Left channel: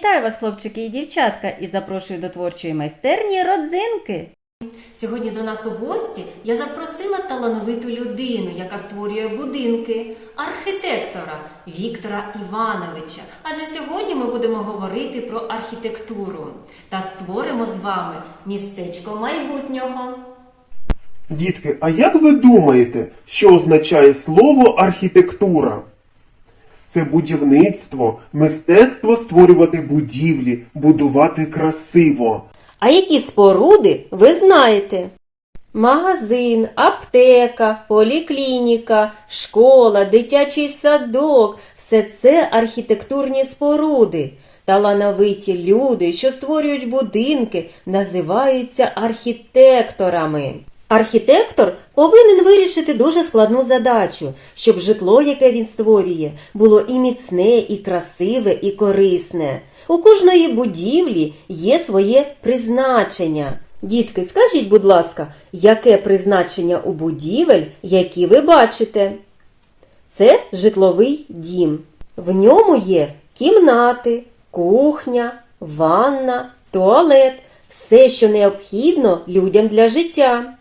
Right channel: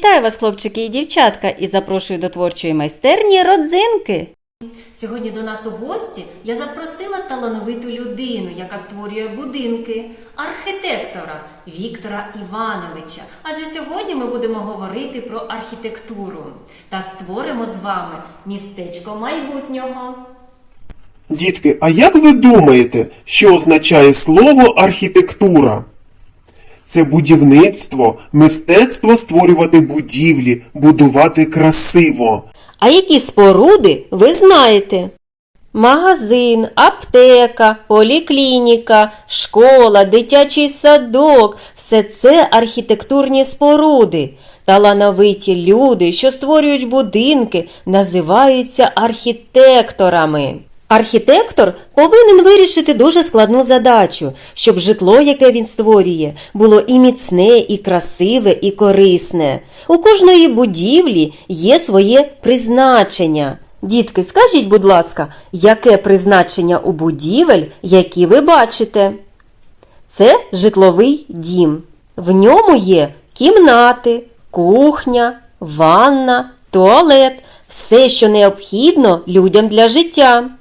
Вітаю вас, хлопчики і дівчатка, і запрошую до творчої майстерні родзинки. Сьогодні до нас у гості я запросила талановиту людину, яка створює будинки, архітектора Віктора Івановича. Адже сьогодні ми будемо говорити про архітектуру та створимо з вами містечко майбутнього. Дітки, а як ви думаєте, що означає слово архітектура? Це будівництво, мистецтво створювати будівлі, будувати красиво. А які споруди ви знаєте? Магазин, аптека, поліклініка, школа, дитячий садок все це архітектурні споруди. Талановиті люди, що створюють будинки, називаються архітекторами. Архітектор повинен вирішити дуже складну задачу, щоб житло, яке він створює, було і міцне, і красиве, і корисне. У кожної будівлі є своє призначення. Дітки, скажіть, будь ласка, яке призначення у будівель, які ви бачите? Це житловий дім. В ньому є кімнати, кухня, ванна, туалет, все, що необхідно людям для життя.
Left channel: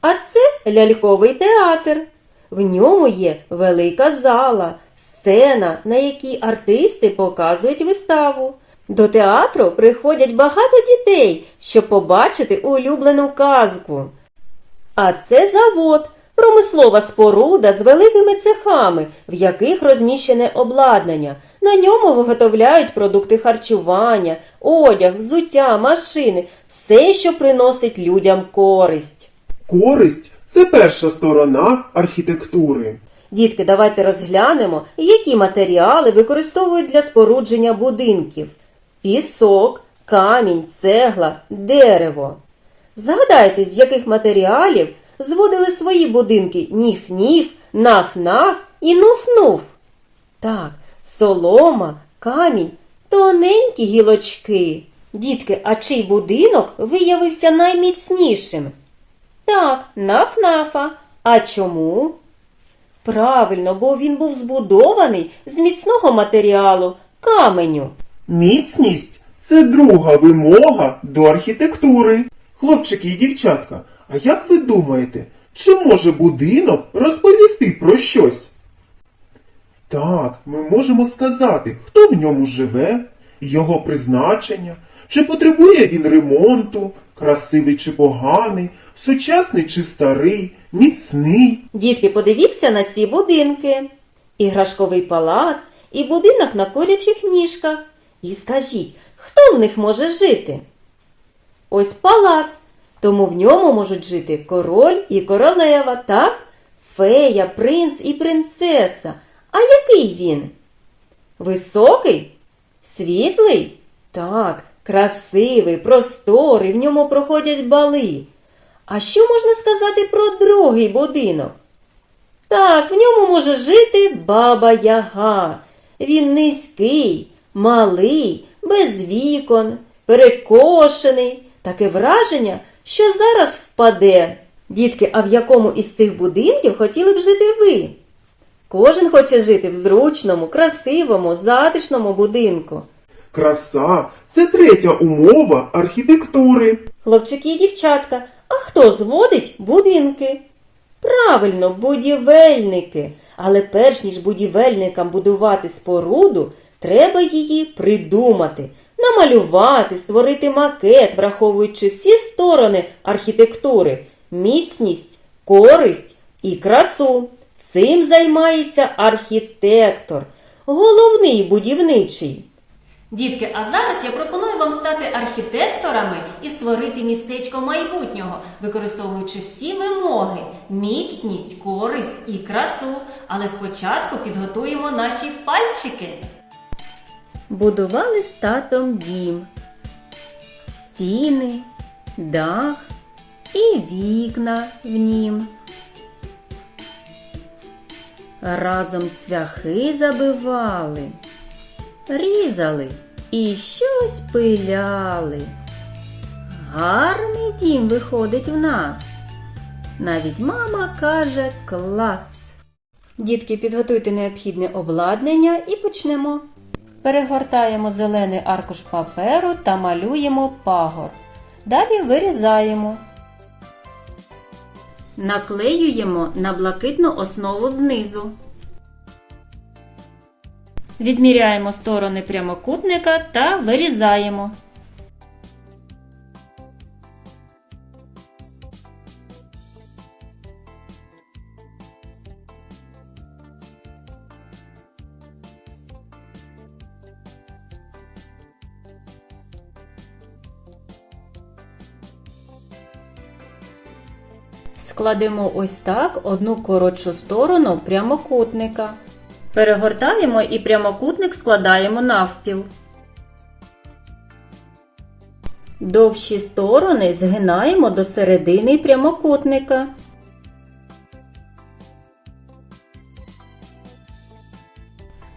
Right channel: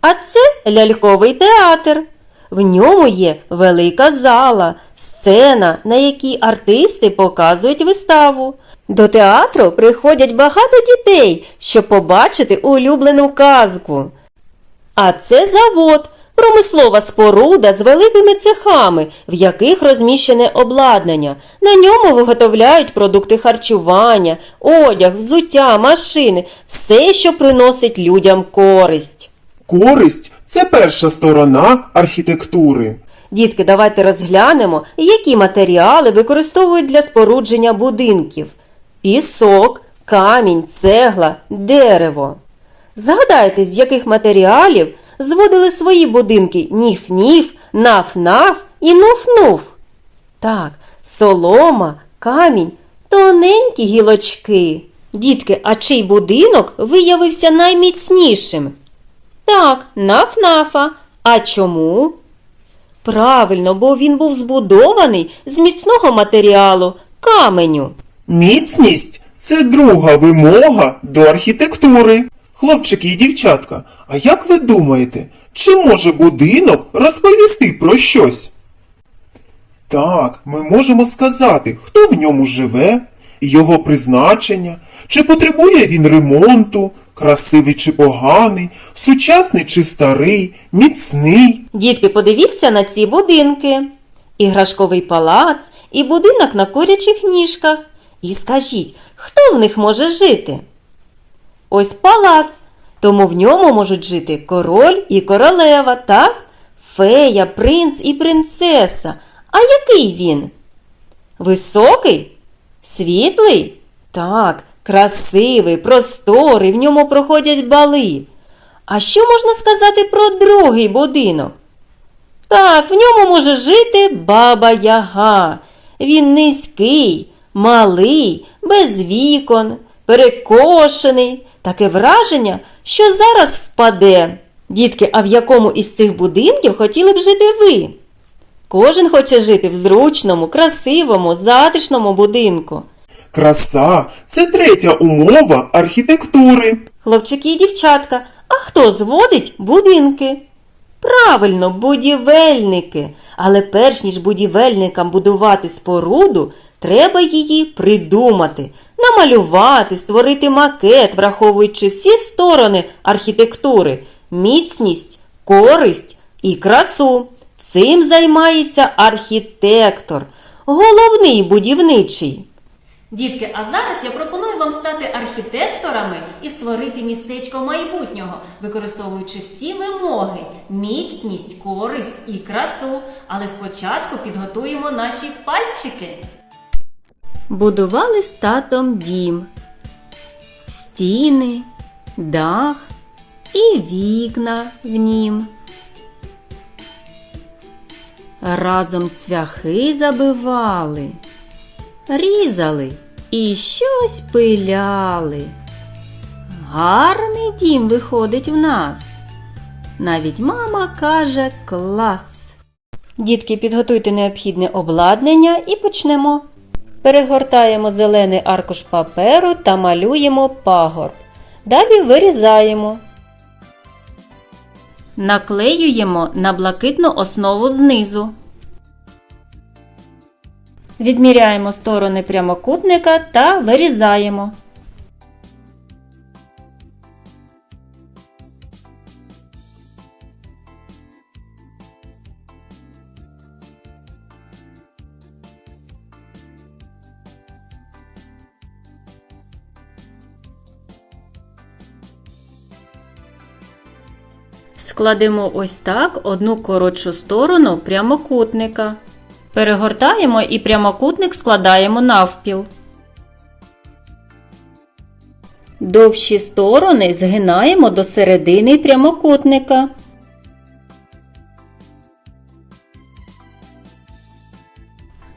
А це ляльковий театр. В ньому є велика зала, сцена, на якій артисти показують виставу. До театру приходять багато дітей, щоб побачити улюблену казку. А це завод, промислова споруда з великими цехами, в яких розміщене обладнання. На ньому виготовляють продукти харчування, одяг, взуття, машини, все, що приносить людям користь. Користь це перша сторона архітектури. Дітки, давайте розглянемо, які матеріали використовують для спорудження будинків: пісок, камінь, цегла, дерево. Згадайте, з яких матеріалів зводили свої будинки ніф-ніф, наф-наф і нуф-нуф. Так, солома, камінь, тоненькі гілочки. Дітки, а чий будинок виявився найміцнішим? Так, наф-нафа. А чому? Правильно, бо він був збудований з міцного матеріалу каменю. Міцність це друга вимога до архітектури. Хлопчики і дівчатка, а як ви думаєте, чи може будинок розповісти про щось? Так, ми можемо сказати, хто в ньому живе, його призначення, чи потребує він ремонту, красивий чи поганий, сучасний чи старий, міцний. Дітки, подивіться на ці будинки. Іграшковий палац і будинок на курячих ніжках. І скажіть, хто в них може жити? Ось палац, тому в ньому можуть жити король і королева, так? Фея, принц і принцеса. А який він? Високий? Світлий? Так, красивий, просторий, в ньому проходять бали. А що можна сказати про другий будинок? Так, в ньому може жити баба Яга. Він низький, малий, без вікон, перекошений. Таке враження, що зараз впаде. Дітки, а в якому із цих будинків хотіли б жити ви? Кожен хоче жити в зручному, красивому, затишному будинку. Краса це третя умова архітектури. Хлопчики і дівчатка, а хто зводить будинки? Правильно, будівельники. Але перш ніж будівельникам будувати споруду, треба її придумати, намалювати, створити макет, враховуючи всі сторони архітектури, міцність, користь і красу. Цим займається архітектор, головний будівничий. Дітки, а зараз я пропоную вам стати архітекторами і створити містечко майбутнього, використовуючи всі вимоги, міцність, користь і красу. Але спочатку підготуємо наші пальчики. Будували з татом дім, стіни, дах і вікна в нім. Разом цвяхи забивали різали і щось пиляли. Гарний дім виходить в нас. Навіть мама каже клас. Дітки, підготуйте необхідне обладнання і почнемо. Перегортаємо зелений аркуш паперу та малюємо пагорб. Далі вирізаємо. Наклеюємо на блакитну основу знизу. Відміряємо сторони прямокутника та вирізаємо. Складемо ось так одну коротшу сторону прямокутника. Перегортаємо і прямокутник складаємо навпіл. Довші сторони згинаємо до середини прямокутника.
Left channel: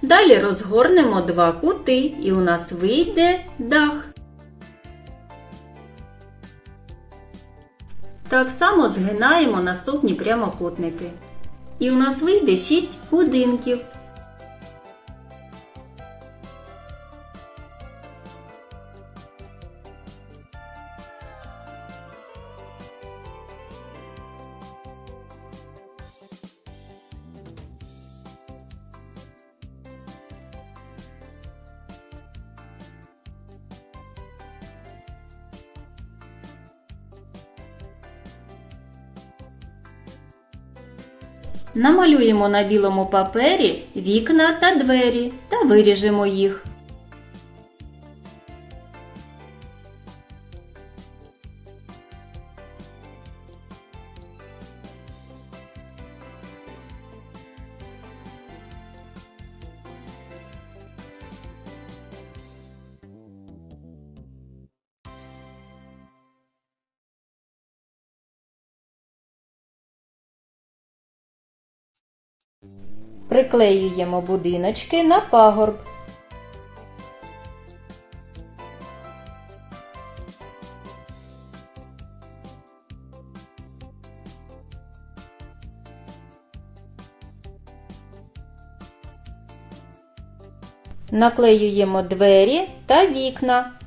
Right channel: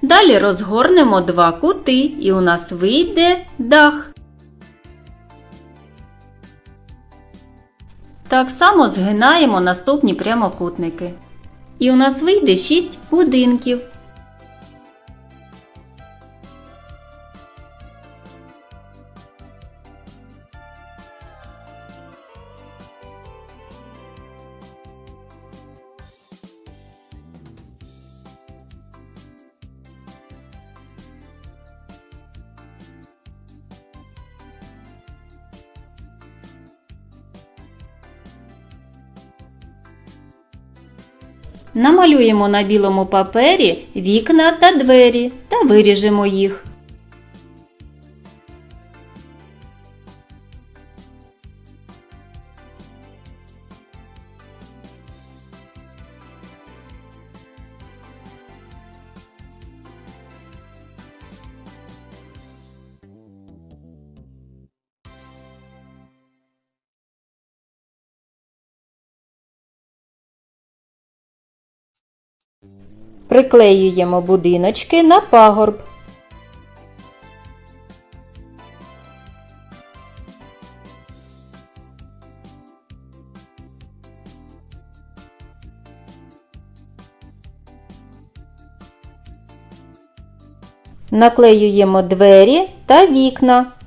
Далі розгорнемо два кути і у нас вийде дах. Так само згинаємо наступні прямокутники. І у нас вийде 6 будинків. Намалюємо на білому папері вікна та двері та виріжемо їх. Приклеюємо будиночки на пагорб. Наклеюємо двері та вікна.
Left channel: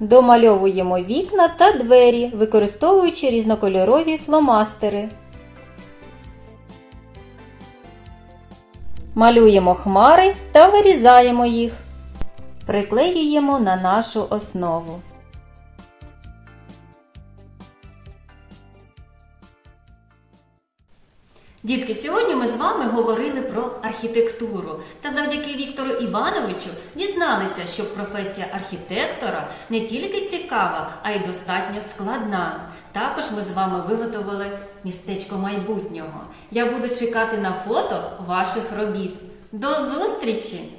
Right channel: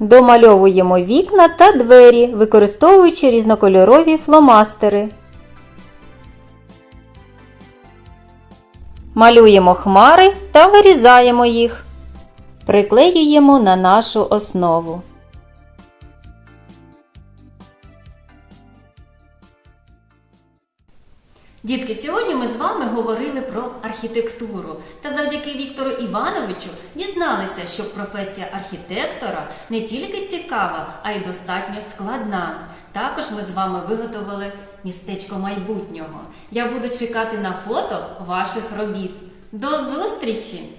Домальовуємо вікна та двері, використовуючи різнокольорові фломастери. Малюємо хмари та вирізаємо їх. Приклеюємо на нашу основу. Дітки, сьогодні ми з вами говорили про архітектуру. Та завдяки Віктору Івановичу дізналися, що професія архітектора не тільки цікава, а й достатньо складна. Також ми з вами виготовили містечко майбутнього. Я буду чекати на фото ваших робіт. До зустрічі!